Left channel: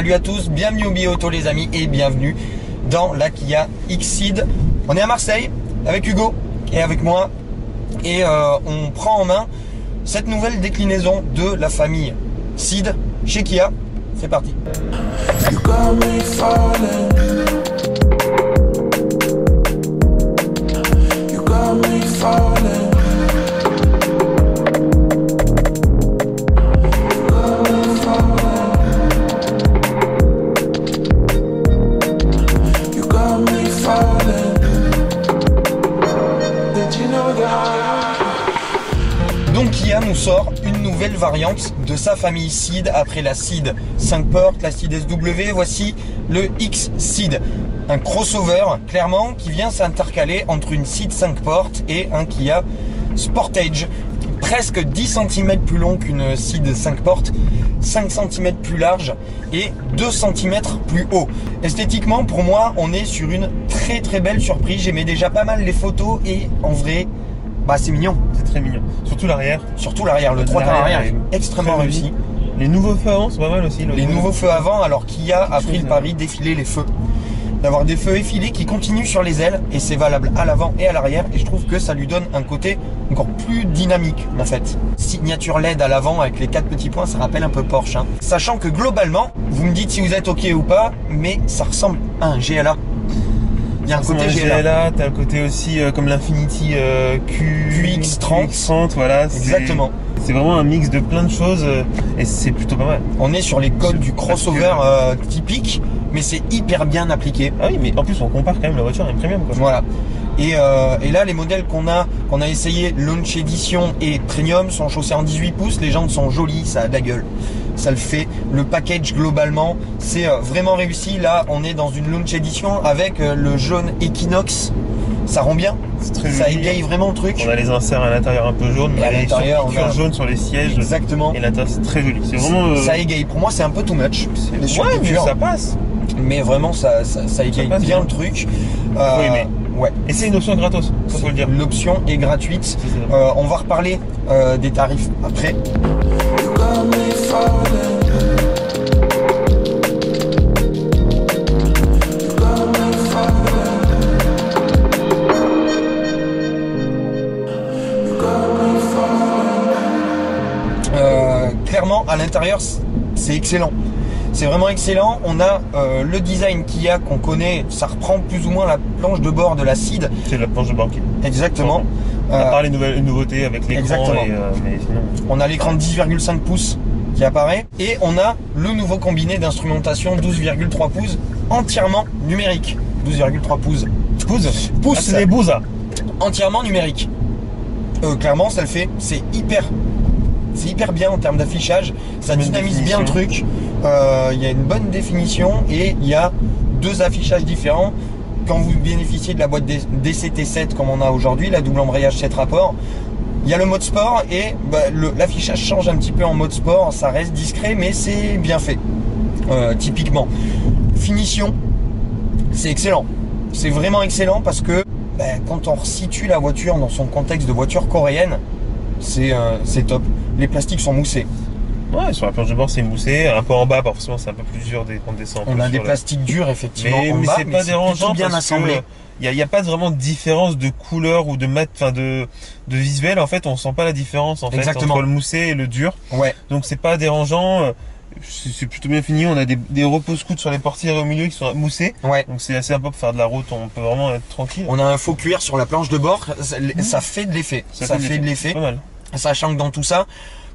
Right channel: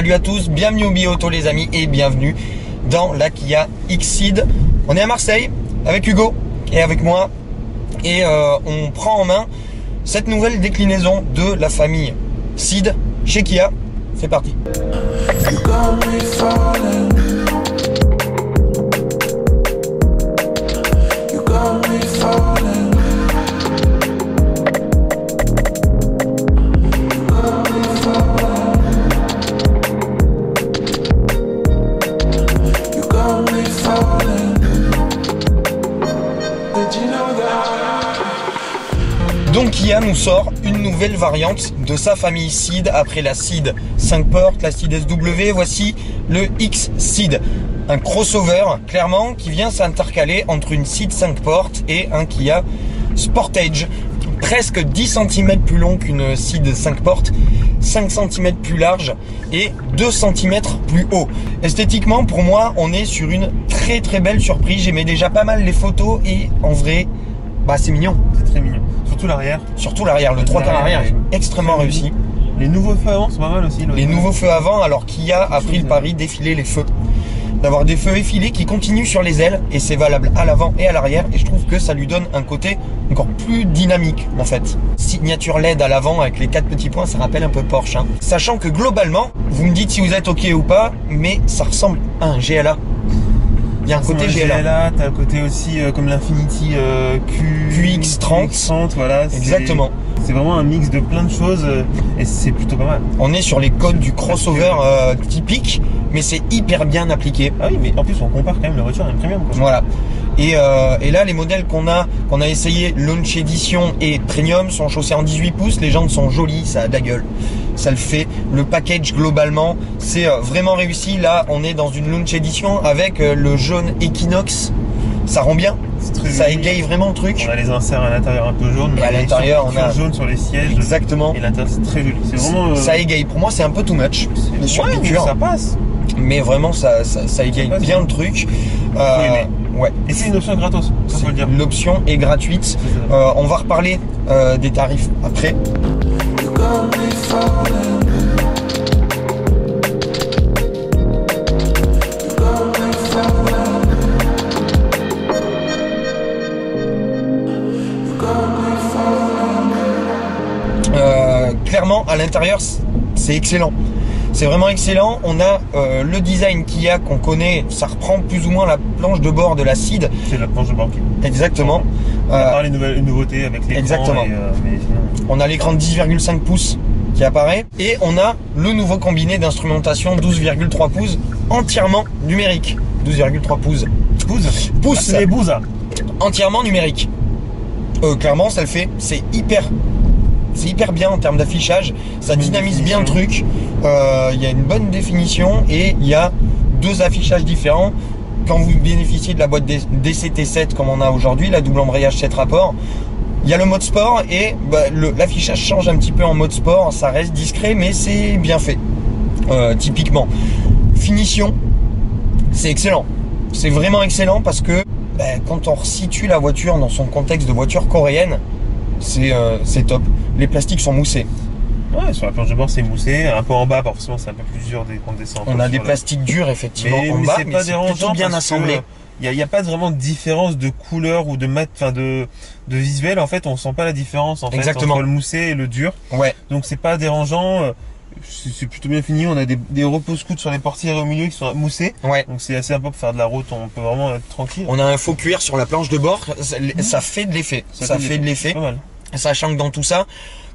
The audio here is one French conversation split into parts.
Salut à tous, bienvenue au Bi-Auto les amis et bienvenue dans la Kia X-Ceed. On est à Marseille avec Hugo et avec moi et on prend en main cette nouvelle déclinaison de la famille Ceed chez Kia. C'est parti. Donc Kia nous sort une nouvelle variante de sa famille Ceed après la Ceed 5 portes, la Ceed SW, voici le X-Ceed. Un crossover clairement qui vient s'intercaler entre une Ceed 5 portes et un Kia Sportage. Presque 10 cm plus long qu'une Ceed 5 portes, 5 cm plus large et 2 cm plus haut. Esthétiquement pour moi on est sur une très belle surprise. J'aimais déjà pas mal les photos et en vrai bah c'est mignon. C'est très mignon. Surtout l'arrière. Surtout l'arrière, le 3 quarts arrière est extrêmement réussi. Les nouveaux feux avant sont pas mal aussi. Les nouveaux feux avant, alors Kia a pris le pari d'effiler les feux. D'avoir des feux effilés qui continuent sur les ailes et c'est valable à l'avant et à l'arrière et je trouve que ça lui donne un côté encore plus dynamique en fait. Signature LED à l'avant avec les 4 petits points, ça rappelle un peu Porsche hein. Sachant que globalement, vous me dites si vous êtes ok ou pas, mais ça ressemble à un GLA. Il y a un côté GLA, t'as un côté aussi comme l'Infiniti QX30, voilà. Exactement. C'est vraiment un mix de plein de choses et c'est plutôt pas mal. On est sur les codes du crossover typique, mais c'est hyper bien appliqué. Ah oui, mais en plus on compare quand même la voiture à une premium quoi. Voilà. Et là les modèles qu'on a essayé, Launch Edition et Premium, sont chaussés en 18 pouces. Les jantes sont jolies, ça a de la gueule. Ça le fait. Le package globalement, c'est vraiment réussi. Là, on est dans une Launch Edition avec le jaune Equinox. Ça rend bien. Ça égaye vraiment le truc. On a les inserts à l'intérieur un peu jaune, et à l'intérieur on a jaune sur les sièges. Exactement. Et l'intérieur c'est très joli. C'est vraiment. Ça égaye. Pour moi, c'est un peu too much. Ouais, mais ça passe. Mais vraiment, ça égaye bien le truc. Ouais. Et c'est une option gratos, ça faut le dire. L'option est gratuite. On va reparler des tarifs après. Clairement, à l'intérieur, c'est excellent. C'est vraiment excellent. On a le design Kia qu'on connaît. Ça reprend plus ou moins la planche de bord de la Ceed. C'est la planche de bord qui. Exactement. À part les nouveautés avec l'écran. Exactement. Mais sinon... On a l'écran de 10,5 pouces qui apparaît. Et on a le nouveau combiné d'instrumentation 12,3 pouces entièrement numérique. 12,3 pouces. Pouces. Les bouses. Entièrement numérique. Clairement, ça le fait. C'est hyper bien en termes d'affichage. Ça dynamise bien le truc. Il y a une bonne définition et il y a 2 affichages différents. Quand vous bénéficiez de la boîte DCT7 comme on a aujourd'hui, la double embrayage 7 rapports, il y a le mode sport et l'affichage change un petit peu en mode sport. Ça reste discret mais c'est bien fait. Typiquement, finition, c'est excellent. C'est vraiment excellent parce que quand on resitue la voiture dans son contexte de voiture coréenne, c'est top. Les plastiques sont moussés. Ouais, sur la planche de bord c'est moussé, un peu en bas forcément c'est un peu plus dur dès qu'on descend. On a des plastiques durs effectivement en bas, mais c'est dérangeant, bien assemblé. Il n'y a pas vraiment de différence de couleur ou de de visuel en fait, on sent pas la différence en fait entre le moussé et le dur. Ouais. Donc c'est pas dérangeant, c'est plutôt bien fini. On a des repose-coudes sur les portières au milieu qui sont moussés. Ouais. Donc c'est assez sympa pour faire de la route, on peut vraiment être tranquille. On a un faux cuir sur la planche de bord, ça fait de l'effet. Ça fait de l'effet. Pas mal. Sachant que dans tout ça,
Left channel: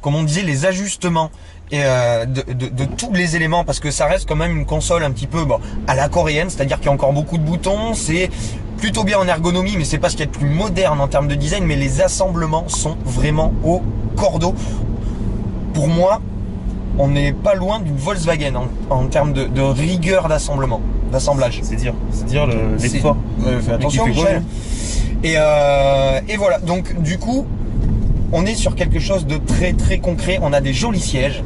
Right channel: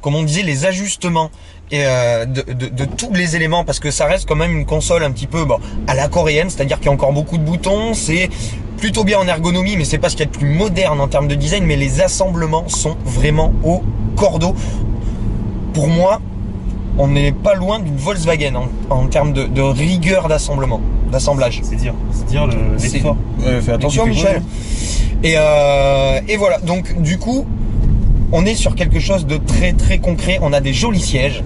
comme on disait, les ajustements et de tous les éléments, parce que ça reste quand même une console un petit peu à la coréenne, c'est-à-dire qu'il y a encore beaucoup de boutons, c'est plutôt bien en ergonomie, mais c'est pas ce qu'il y a de plus moderne en termes de design, mais les assemblements sont vraiment au cordeau. Pour moi, on n'est pas loin d'une Volkswagen en termes de rigueur d'assemblage. C'est dire l'effort. Fais attention Michel. Et voilà, donc du coup, on est sur quelque chose de très concret. On a des jolis sièges.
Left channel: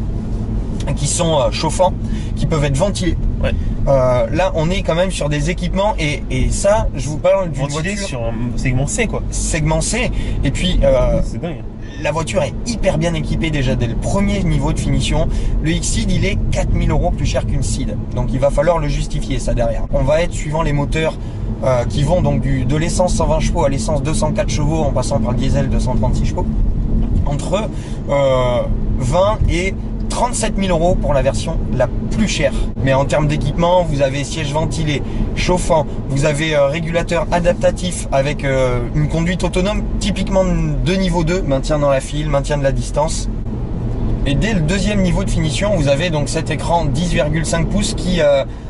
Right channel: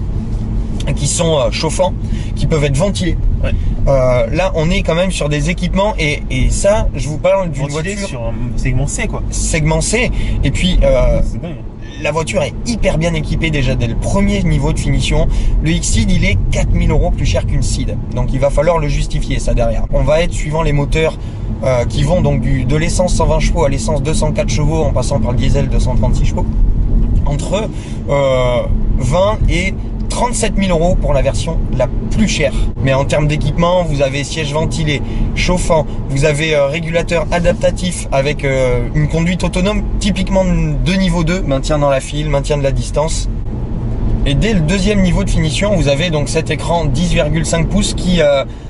qui sont chauffants, qui peuvent être ventilés. Ouais. Là, on est quand même sur des équipements et ça, je vous parle d'une voiture sur un segment C, quoi. Segment C. Et puis, c'est dingue. La voiture est hyper bien équipée déjà dès le premier niveau de finition. Le Exceed, il est 4000 € plus cher qu'une Ceed. Donc, il va falloir le justifier, ça derrière. On va être suivant les moteurs qui vont donc de l'essence 120 chevaux à l'essence 204 chevaux en passant par le diesel 236 chevaux. Entre 20 et 37 000 € pour la version la plus chère. Mais en termes d'équipement, vous avez siège ventilé, chauffant, vous avez régulateur adaptatif avec une conduite autonome typiquement de niveau 2, maintien dans la file, maintien de la distance. Et dès le deuxième niveau de finition, vous avez donc cet écran 10,5 pouces qui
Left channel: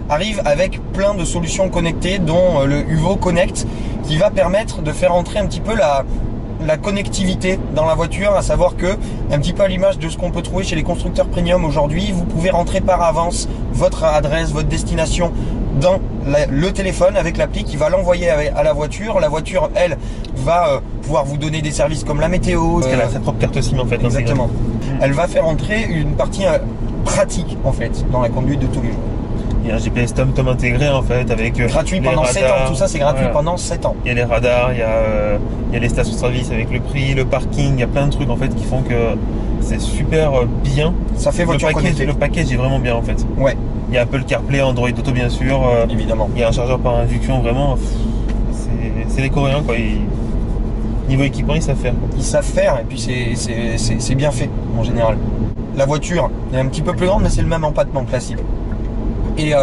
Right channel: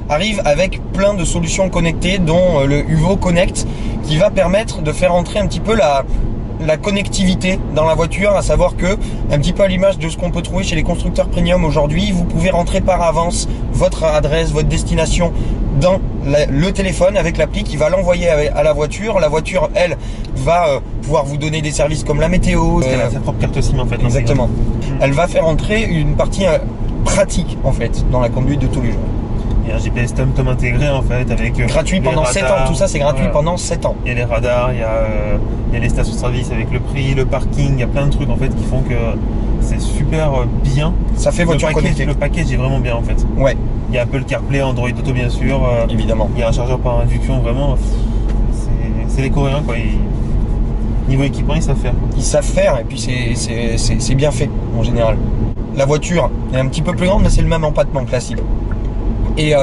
arrive avec plein de solutions connectées, dont le UVO Connect, qui va permettre de faire entrer un petit peu la connectivité dans la voiture, à savoir que, un petit peu à l'image de ce qu'on peut trouver chez les constructeurs premium aujourd'hui, vous pouvez rentrer par avance votre adresse, votre destination dans le téléphone avec l'appli qui va l'envoyer à la voiture. La voiture, elle, va pouvoir vous donner des services comme la météo. Parce qu'elle a sa propre carte SIM en fait. Exactement. Elle va faire entrer une partie pratique en fait dans la conduite de tous les jours. Il y a un GPS TomTom intégré en fait avec gratuit pendant radars, 7 ans, tout ça c'est gratuit pendant 7 ans. Il y a les radars, il y a les stations-service avec le prix, le parking, il y a plein de trucs en fait qui font que c'est super bien. Ça fait voiture connectée. Le package est vraiment bien en fait. Ouais. Il y a Apple CarPlay, Android Auto bien sûr. Évidemment. Il y a un chargeur par induction, vraiment. C'est les Coréens quoi. Niveau équipement, ils savent faire. Quoi. Ils savent faire et puis c'est bien fait en général. La voiture est un petit peu plus grande mais c'est le même empattement classique. Et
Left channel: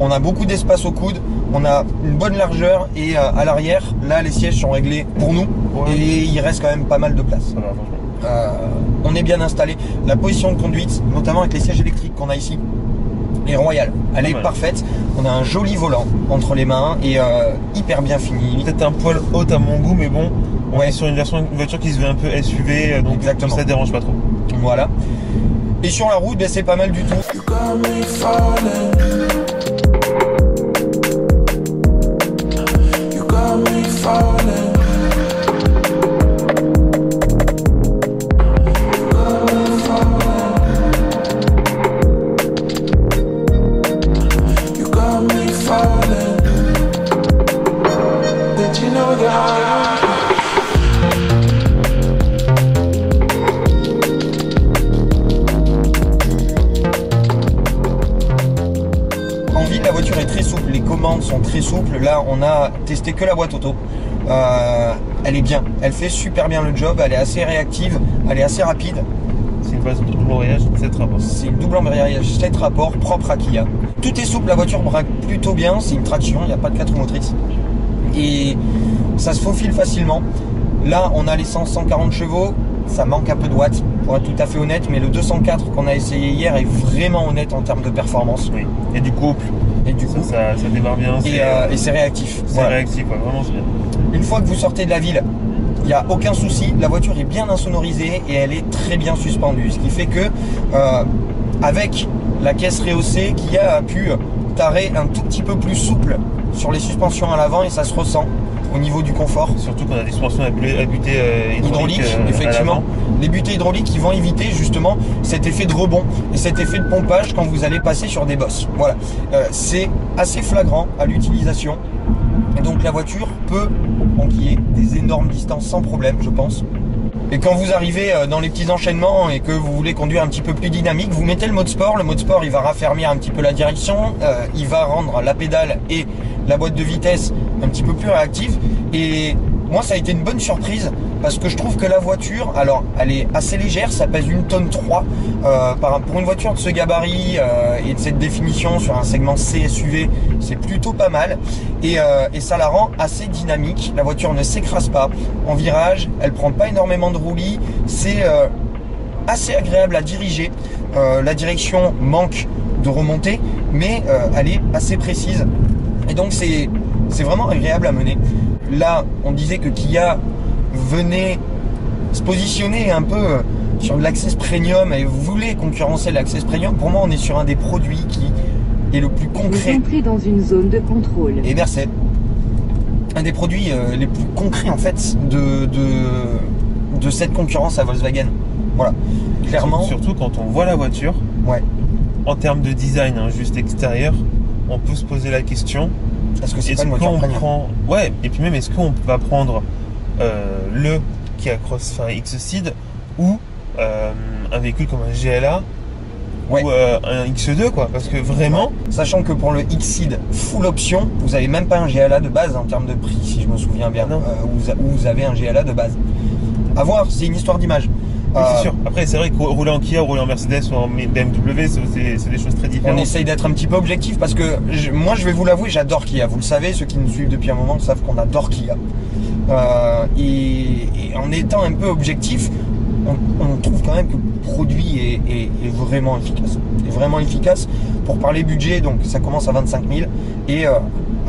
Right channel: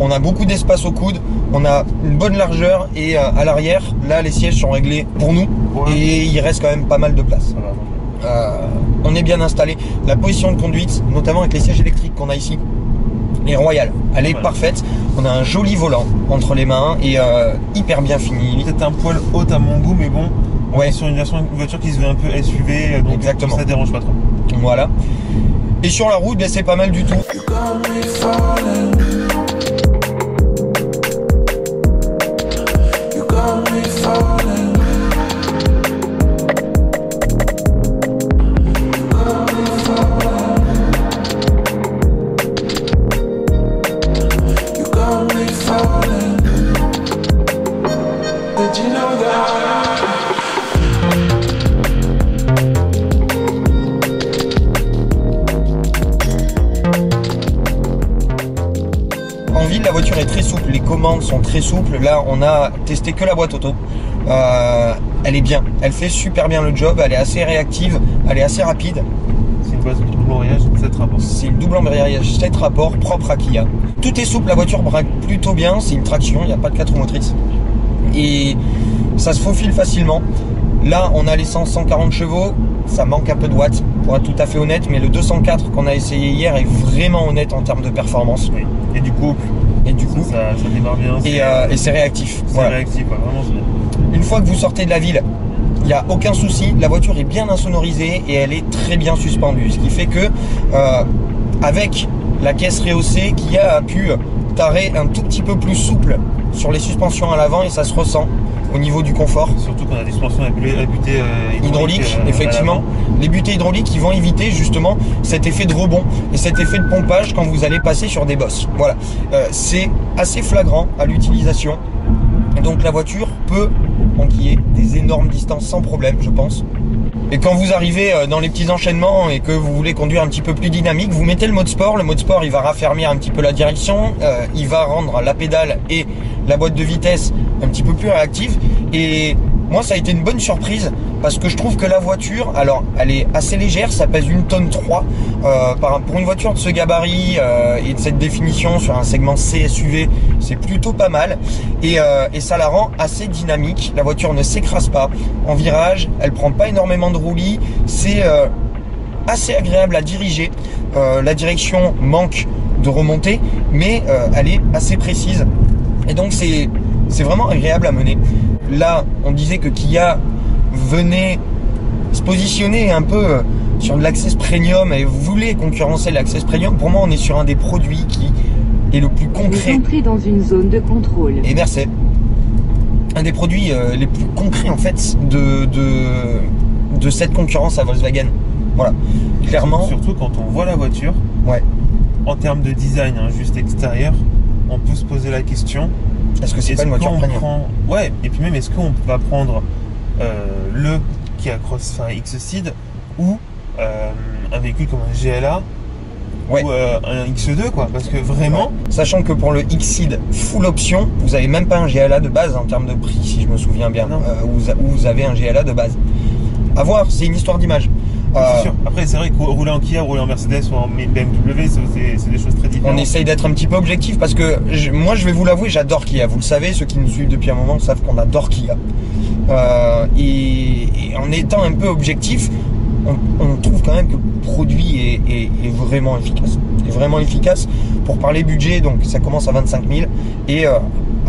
on a beaucoup d'espace au coude, on a une bonne largeur et à l'arrière, là les sièges sont réglés pour nous et il reste quand même pas mal de place. On est bien installé. La position de conduite, notamment avec les sièges électriques qu'on a ici, est royale. Elle est parfaite. On a un joli volant entre les mains et hyper bien fini. Peut-être un poil haute à mon goût, mais bon, on est sur une voiture qui se veut un peu SUV, donc exactement. Ça dérange pas trop. Voilà. Et sur la route, ben, c'est pas mal du tout. Sont très souples. Là on a testé que la boîte auto, elle est bien, elle fait super bien le job, elle est assez réactive, elle est assez rapide. C'est une boîte double embrayage 7 rapports. C'est une double embrayage 7 rapports propre à Kia. Tout est souple, la voiture braque plutôt bien, c'est une traction, il n'y a pas de 4 roues motrices et ça se faufile facilement. Là on a l'essence 140 chevaux, ça manque un peu de watts pour être tout à fait honnête, mais le 204 qu'on a essayé hier est vraiment honnête en termes de performance. Oui. Et du couple. Et du coup, ça démarre bien. Et c'est réactif. C'est réactif, ouais, vraiment c'est bien. Une fois que vous sortez de la ville, il n'y a aucun souci. La voiture est bien insonorisée et elle est très bien suspendue. Ce qui fait que, avec la caisse rehaussée, qui a pu tarer un tout petit peu plus souple sur les suspensions à l'avant et ça se ressent au niveau du confort. Surtout qu'on a des suspensions à butée hydraulique, effectivement. Les butées hydrauliques qui vont éviter justement cet effet de rebond et cet effet de pompage quand vous allez passer sur des bosses. Voilà, c'est assez flagrant à l'utilisation. Donc la voiture peut enquiller des énormes distances sans problème, je pense. Et quand vous arrivez dans les petits enchaînements et que vous voulez conduire un petit peu plus dynamique, vous mettez le mode sport. Le mode sport, il va raffermir un petit peu la direction, il va rendre la pédale et la boîte de vitesse un petit peu plus réactive. Et moi, ça a été une bonne surprise parce que je trouve que la voiture, alors elle est assez légère, ça pèse 1,3 tonne. Pour une voiture de ce gabarit et de cette définition sur un segment C SUV, c'est plutôt pas mal et ça la rend assez dynamique. La voiture ne s'écrase pas en virage, elle prend pas énormément de roulis, c'est assez agréable à diriger. La direction manque de remontée, mais elle est assez précise et donc c'est vraiment agréable à mener. Là, on disait que Kia venait se positionner un peu sur de l'Access Premium et voulait concurrencer l'Access Premium. Pour moi, on est sur un des produits qui est le plus concret. Vous entrez dans une zone de contrôle. Et merci. Un des produits les plus concrets en fait de cette concurrence à Volkswagen. Voilà, clairement. Surtout quand on voit la voiture. Ouais. en termes de design, hein, juste extérieur, on peut se poser la question. Est-ce que c'est pas une voiture premium ? Ouais, et puis même, est-ce qu'on va prendre le Kia Crossfire X-Ceed ou un véhicule comme un GLA ou un X2 quoi, parce que vraiment... Sachant que pour le X-Ceed full option, vous avez même pas un GLA de base en termes de prix, si je me souviens bien, où vous avez un GLA de base. À voir, c'est une histoire d'image. C'est sûr. Après, c'est vrai que rouler en Kia, rouler en Mercedes ou en BMW, c'est des choses très différentes. On essaye d'être un petit peu objectif parce que moi, je vais vous l'avouer, j'adore Kia. Vous le savez, ceux qui nous suivent depuis un moment savent qu'on adore Kia. Et en étant un peu objectif, on trouve quand même que le produit est vraiment efficace. Est vraiment efficace. Pour parler budget, donc ça commence à 25 000 et à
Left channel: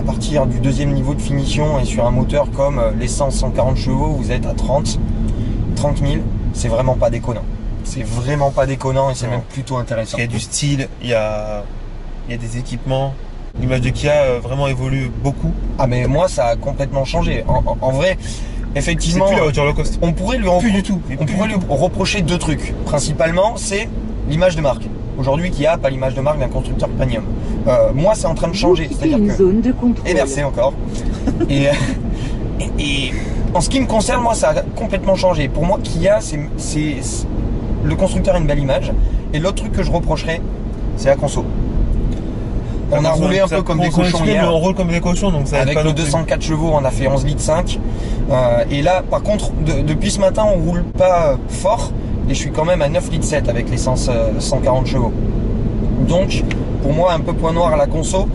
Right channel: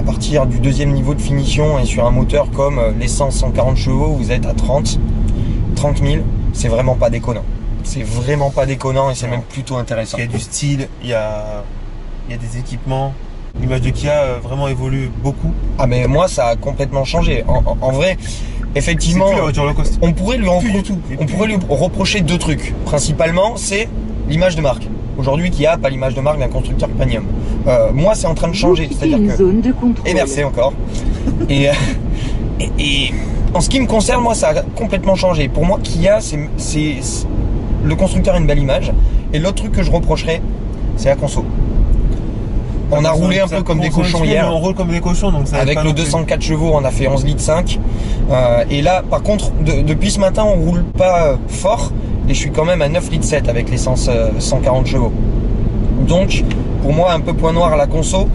partir du deuxième niveau de finition et sur un moteur comme l'essence 140 chevaux, vous êtes à 30 000. C'est vraiment pas déconnant. C'est vraiment pas déconnant et c'est même plutôt intéressant. Il y a du style, il y a des équipements. L'image de Kia vraiment évolue beaucoup. Ah mais moi ça a complètement changé. En vrai, effectivement, c'est plus la voiture low cost. On pourrait lui reprocher deux trucs. Principalement, c'est l'image de marque. Aujourd'hui, Kia a pas l'image de marque d'un constructeur premium. Moi, c'est en train de changer. C'est-à-dire que zone de contrôle. Et merci encore. et en ce qui me concerne, moi, ça a complètement changé. Pour moi, Kia, c'est le constructeur a une belle image. Et l'autre truc que je reprocherais, c'est la conso. On a roulé un peu comme des cochons hier. On roule comme des cochons, donc ça avec le 204 chevaux, on a fait 11 litres 5. Et là, par contre, depuis ce matin, on roule pas fort. Et je suis quand même à 9 litres 7 avec l'essence 140 chevaux. Donc, pour moi, un peu point noir à la conso.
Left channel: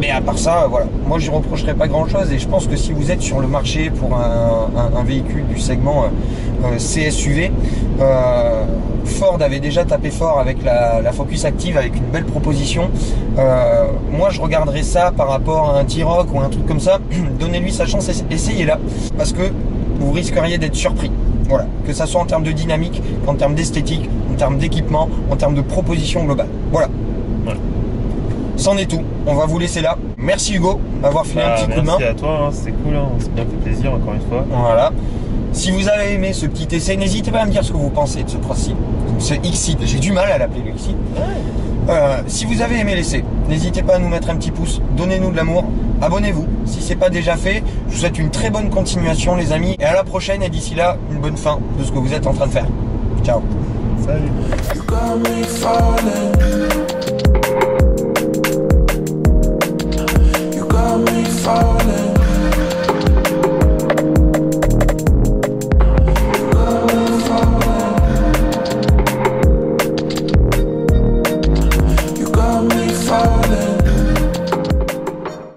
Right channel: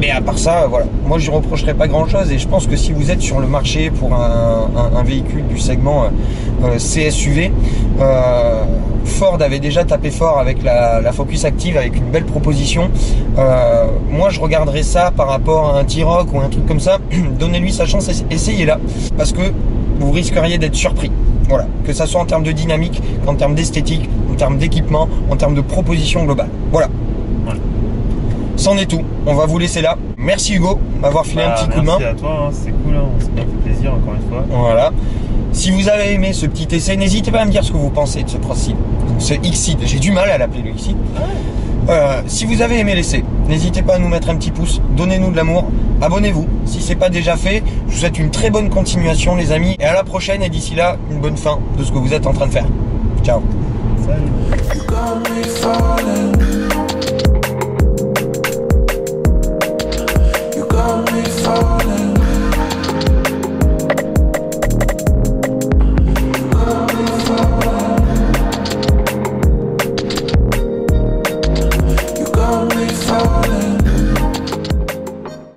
Mais à part ça, voilà. Moi, j'y reprocherai pas grand chose. Et je pense que si vous êtes sur le marché pour un véhicule du segment CSUV, Ford avait déjà tapé fort avec la Focus Active, avec une belle proposition. Moi, je regarderais ça par rapport à un T-Roc ou un truc comme ça. Donnez-lui sa chance, essayez-la. Parce que vous risqueriez d'être surpris. Voilà, que ça soit en termes de dynamique, qu'en termes d'esthétique, en termes d'équipement, en termes de proposition globale. Voilà. C'en est tout. On va vous laisser là. Merci Hugo d'avoir filé un petit coup de main. Merci à toi, hein, c'était cool, hein. C'est bien fait plaisir encore une fois. Voilà. Si vous avez aimé ce petit essai, n'hésitez pas à me dire ce que vous pensez de ce Crossseed, ce X-Seed. J'ai du mal à l'appeler le X-Seed. Si vous avez aimé l'essai, n'hésitez pas à nous mettre un petit pouce, donnez-nous de l'amour, abonnez-vous si c'est pas déjà fait. Je vous souhaite une très bonne continuation les amis et à la prochaine et d'ici là, une bonne fin de ce que vous êtes en train de faire. Ciao. Salut. You got me falling. You got me falling.